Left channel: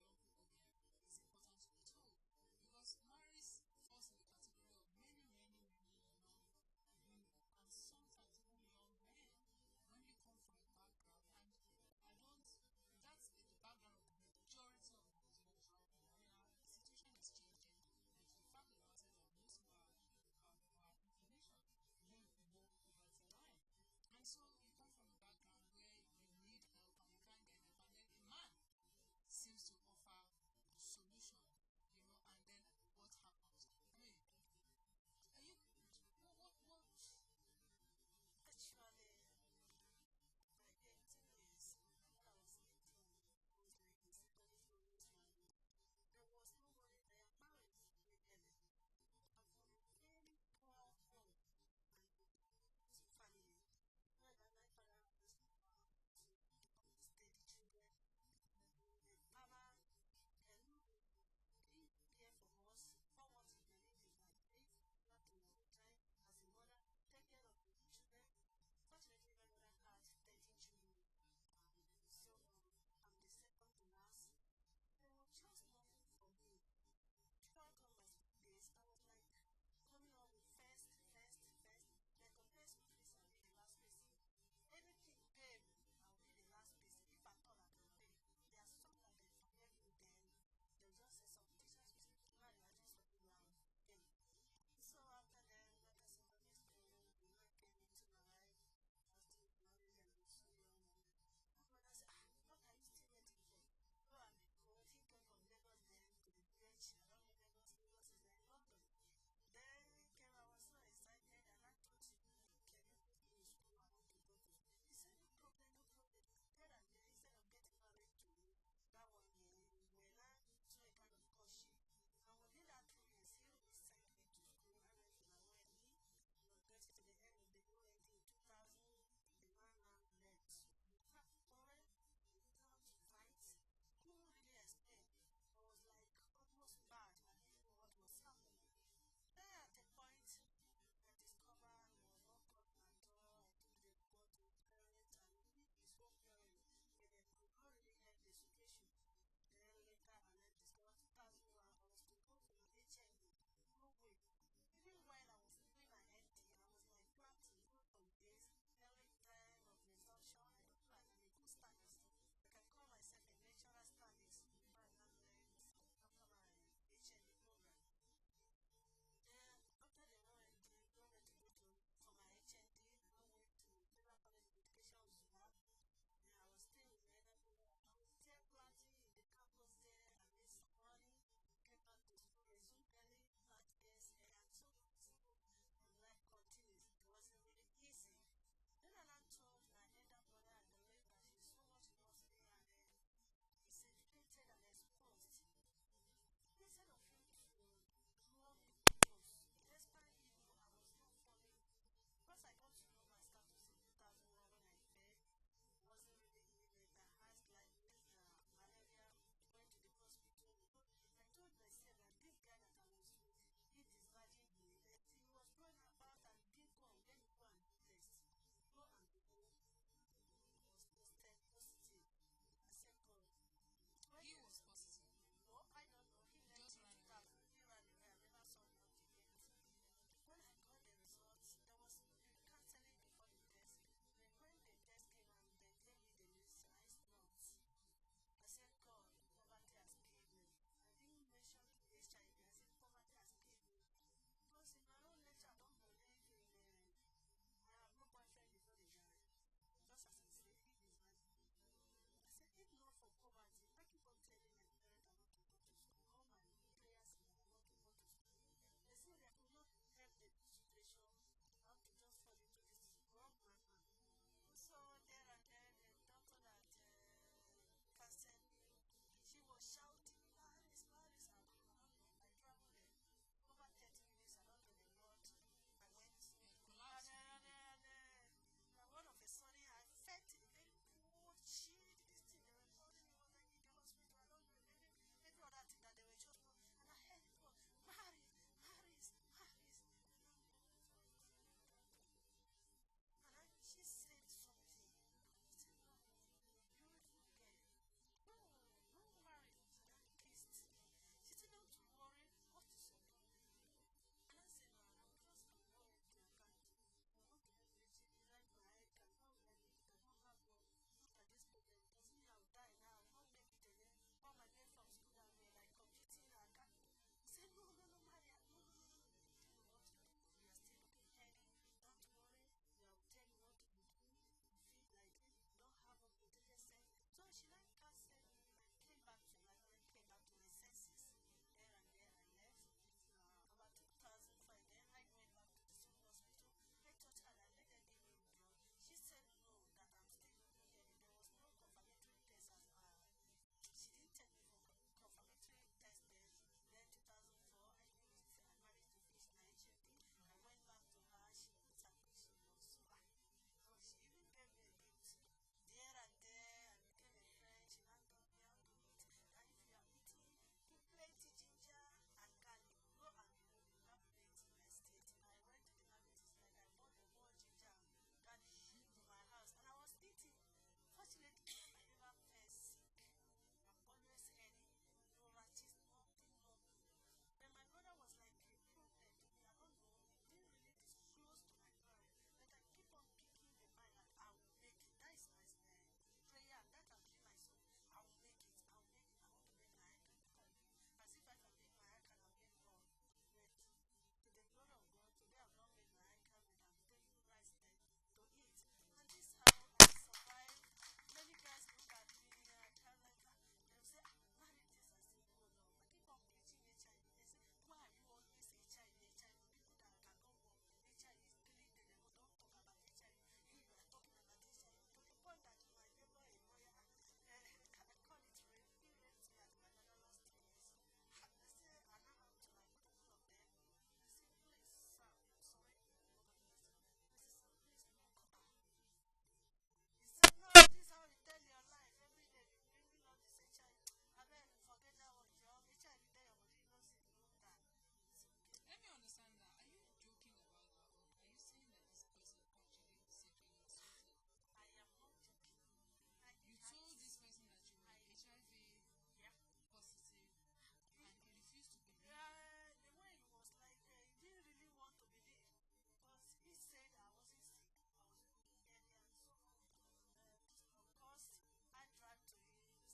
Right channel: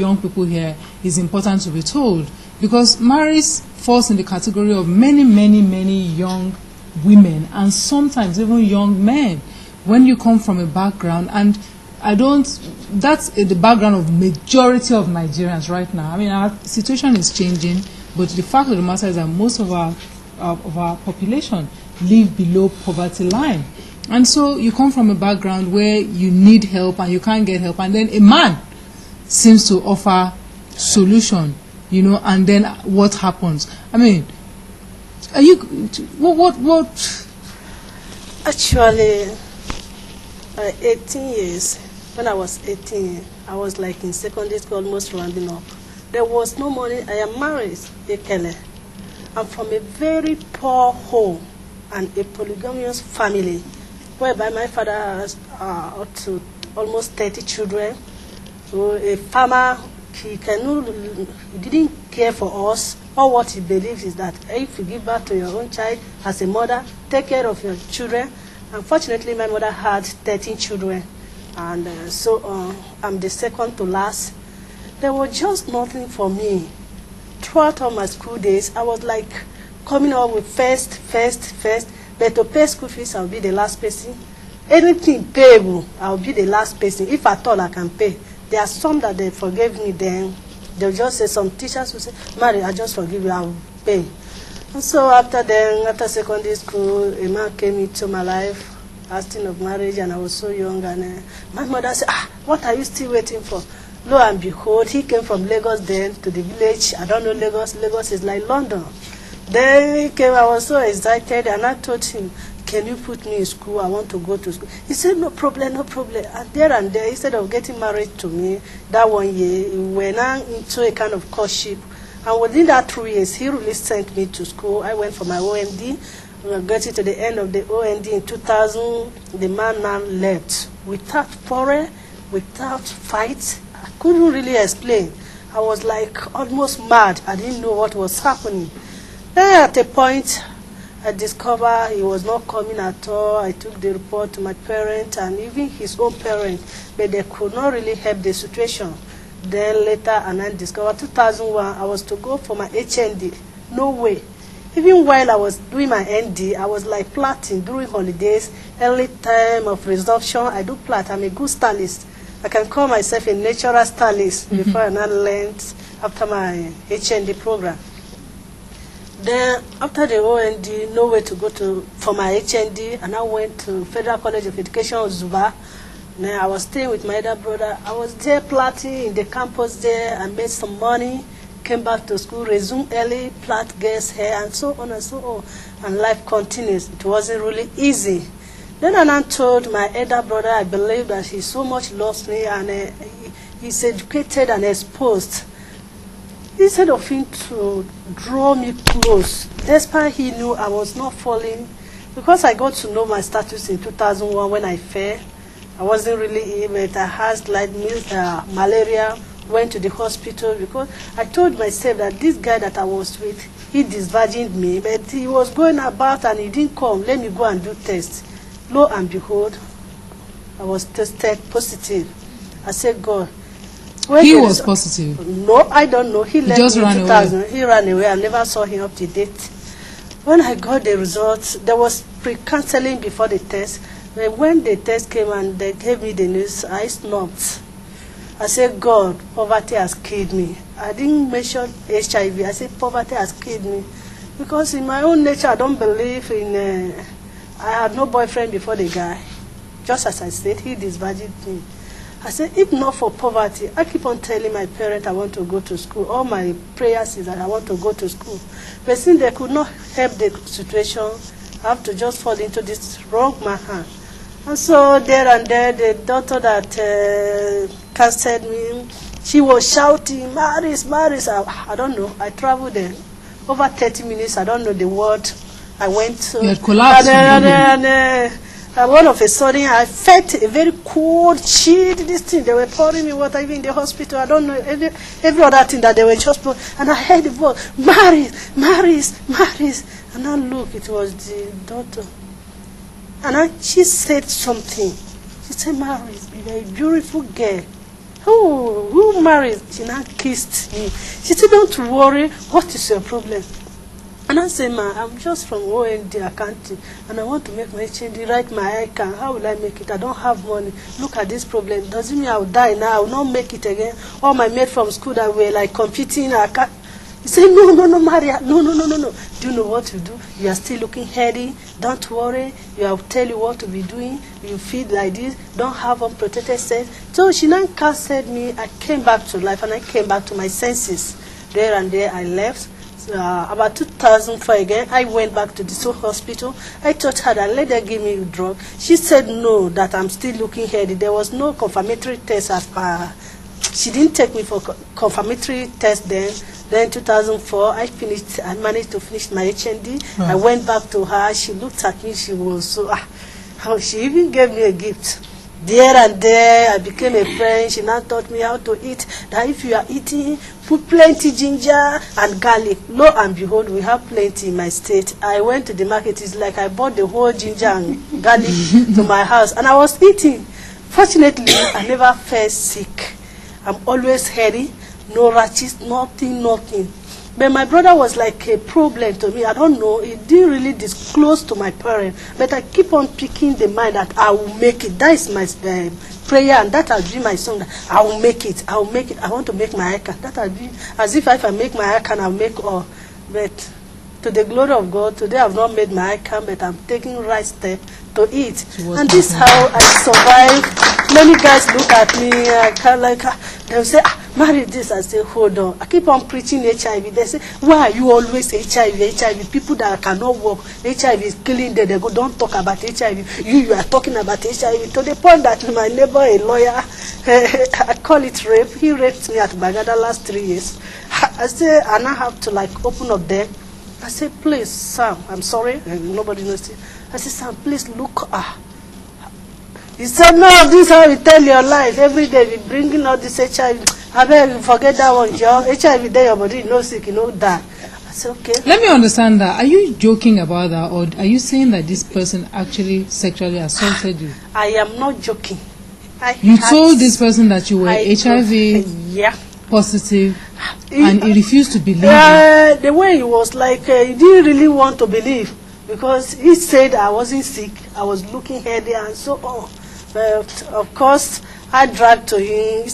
young people here is important to be told, because marriage falls in the category of many, many, many young women and sometimes even young men when you come from a background, and that's the background of majority of Nigerians right now. I mean, our situation is changing, but the fact of the matter is that most of our population live below poverty line. And so you come from a background where you need help and you can't get help, and then a man seems to offer solution, and then what happens? I mean, what? Actually, 18 years, when I was 18, I was like in secondary school, almost rounding up. There was no money. I am married, Ekele. I'm from a very poor home and a polygamous family, whereby my father has up to almost 30 children. So a farmer, he didn't care for us. All what he believes is that if you give birth to your own child as a mother, take care of your children. Unfortunately, my mother had 13 children, and so I'm the second to last. There was just nothing for me. Throughout all my school days, I was like coming up with first, but to pay school fees, I'll be the last person. Anything payable, I'll be the last person. If at all I can pay. There are some that they forgave me then. They'll just say, some teachers will say, Mary, I just forgive you, I'll pay. And so after secondary school, a man came into my life, asking of marriage, and I was so young, and my mother said, what are you still waiting for? Lo and behold, he came from Lagos then to the village. I don't know Lagos. Lagos is like London. Then he came, I was so excited, and I told him, can you put me in school? I want to go to school. He said, no problem, no problem. And there, instead of getting married to me, that 1 year, we went into a kind of courtship. And within that 2 years, he really sent me to school. I went for my OND. We were getting to the end of the OND in 2000. The man left without quarrel, without fight. I couldn't really explain. I was like almost mad. I didn't know what was happening. Then at a point, I discovered he was not coming at all. I took the report to my parents and even his own parents, but they could not really help the situation. Then later, and I discovered 2001, I was to go for my HND. No way. Even while I was doing my ND, I was like plaiting during holidays, early time of resumption. I do plait. I'm a good stylist. I can call myself a natural stylist before I learned after my HND program. Then after the OND, no way to go for my HND, and I went to Federal College of Education, Zuba. Then I was staying with my elder brother. I was there plaiting in the campus there. I made some money, came back to school, resumed early, plait girls' hair, and so on and so on. And life continues. It wasn't really easy. Then I told my elder brother, I believe that he so much loves me, and he's educated and exposed. Instead of him to draw me close, despite he knew I was not falling, because I got to know my status in 2001 when I fell. I wasn't really ill, but I had like malaria, went to the hospital because I told myself that this guy that I was with, he disvirgined me, but he was going about and he didn't come. Let me go and do tests. Lo and behold, I was tested positive. I said, God. He was positive? No, I don't know. He left just me in ran 2000. away. He ran away. I never saw him up to date. When I got the results, there was pre-counseling before the test. But when the test came and they gave me the news, I snapped. I said, God, poverty has killed me. I didn't mention HIV. I said, poverty has killed me. Because in my own nature, I don't believe in... I had no boyfriend before the guy. Just as I said, he disvirgined me. I said, if not for poverty, I keep on telling my parents I want to go to school. All my prayers is that I want to go to school. But since they could not help the situation, I have to just fall into this wrong man's hand. And so there and there, the doctor that casted me, she was shouting, Maris, Maris. I don't know. I traveled there. Over 30 minutes, I don't know the word. I went to... You had collapsed. And all of a sudden, I felt a very cold, chilled, this thing. They were pouring me water, even in the hospital. I don't know, every other thing that they were just pouring. And I heard the voice, Maris, Maris, Maris. And I looked, it was the daughter. And she said something. She said, Maris, you're a beautiful girl. Oh, who married? She now kissed me. She said, don't worry, what is your problem? And I said, ma, I'm just from OND accounting, and I want to make my HND, write my ICANN. How will I make it? I don't have money. Look at this problem. Doesn't mean I'll die now. I will not make it again. All my mates from school that were like competing, I can't. He said, no, Maria, no. Do you know what to do? You are still looking healthy. Don't worry. I'll tell you what to be doing. You feed like this. Don't have unprotected sex. So she now counseled me. I came back to life, and I came back to my senses. There and there, I left. About 2004 again, I went back to the Soul Hospital. I told her that let her give me a drug. She said no, that I'm still looking healthy. There was no confirmatory test as per. She didn't take me for confirmatory test then. Then 2004, I managed to finish my HND. I went back to her. She looked at me. She was so, she even gave me a gift. There and there, I became a friend. She now taught me how to eat. That if you are eating, put plenty ginger and garlic. Lo and behold, we have plenty in my state. I went to the market. It's like I bought the whole ginger and garlic to my house. And I was eating. Fortunately, I never felt sick. I'm always healthy. No rashes, nothing. But my brother was like a problem to me. I don't know. He didn't really disclose to my parents. But I keep on picking the mind that I will make it. That is my prayer, and that has been my song. I will make it. I will make it. I want to make my ICANN. That has been as if I make my ICANN, I'll make all. But to the glory of God, today I've not made my ICANN, but I'm taking right step to it. And this is how I survive. Many guys look at me, I can't like, they'll say, marry this. I say, hold on. I keep on preaching HIV. They say, why are you always HIV? People that cannot walk, HIV is killing them. They go, don't talk about HIV. You are talking about HIV. To the point that my neighbor, a lawyer, I call it rape. He raped me at Bagada last 3 years. I say, and I have to like open up there. I said, please, Sam, I'm sorry. And nobody knows it. I said, Sam, please look. He said, no, this is how you tell your life. Every day we bringing all this HIV. I beg you, forget that one, Joe. HIV there, your body, you know sick, you know die. I said, okay. Let me understand that. Are you joking about that, or are you saying that this person actually sexually assaulted you? I am not joking. You told this person that you were HIV positive, and he refused to believe you. The way he was like, he didn't really want to believe, because he said I wasn't sick, I was looking healthy and so on. But of course, I dragged to him.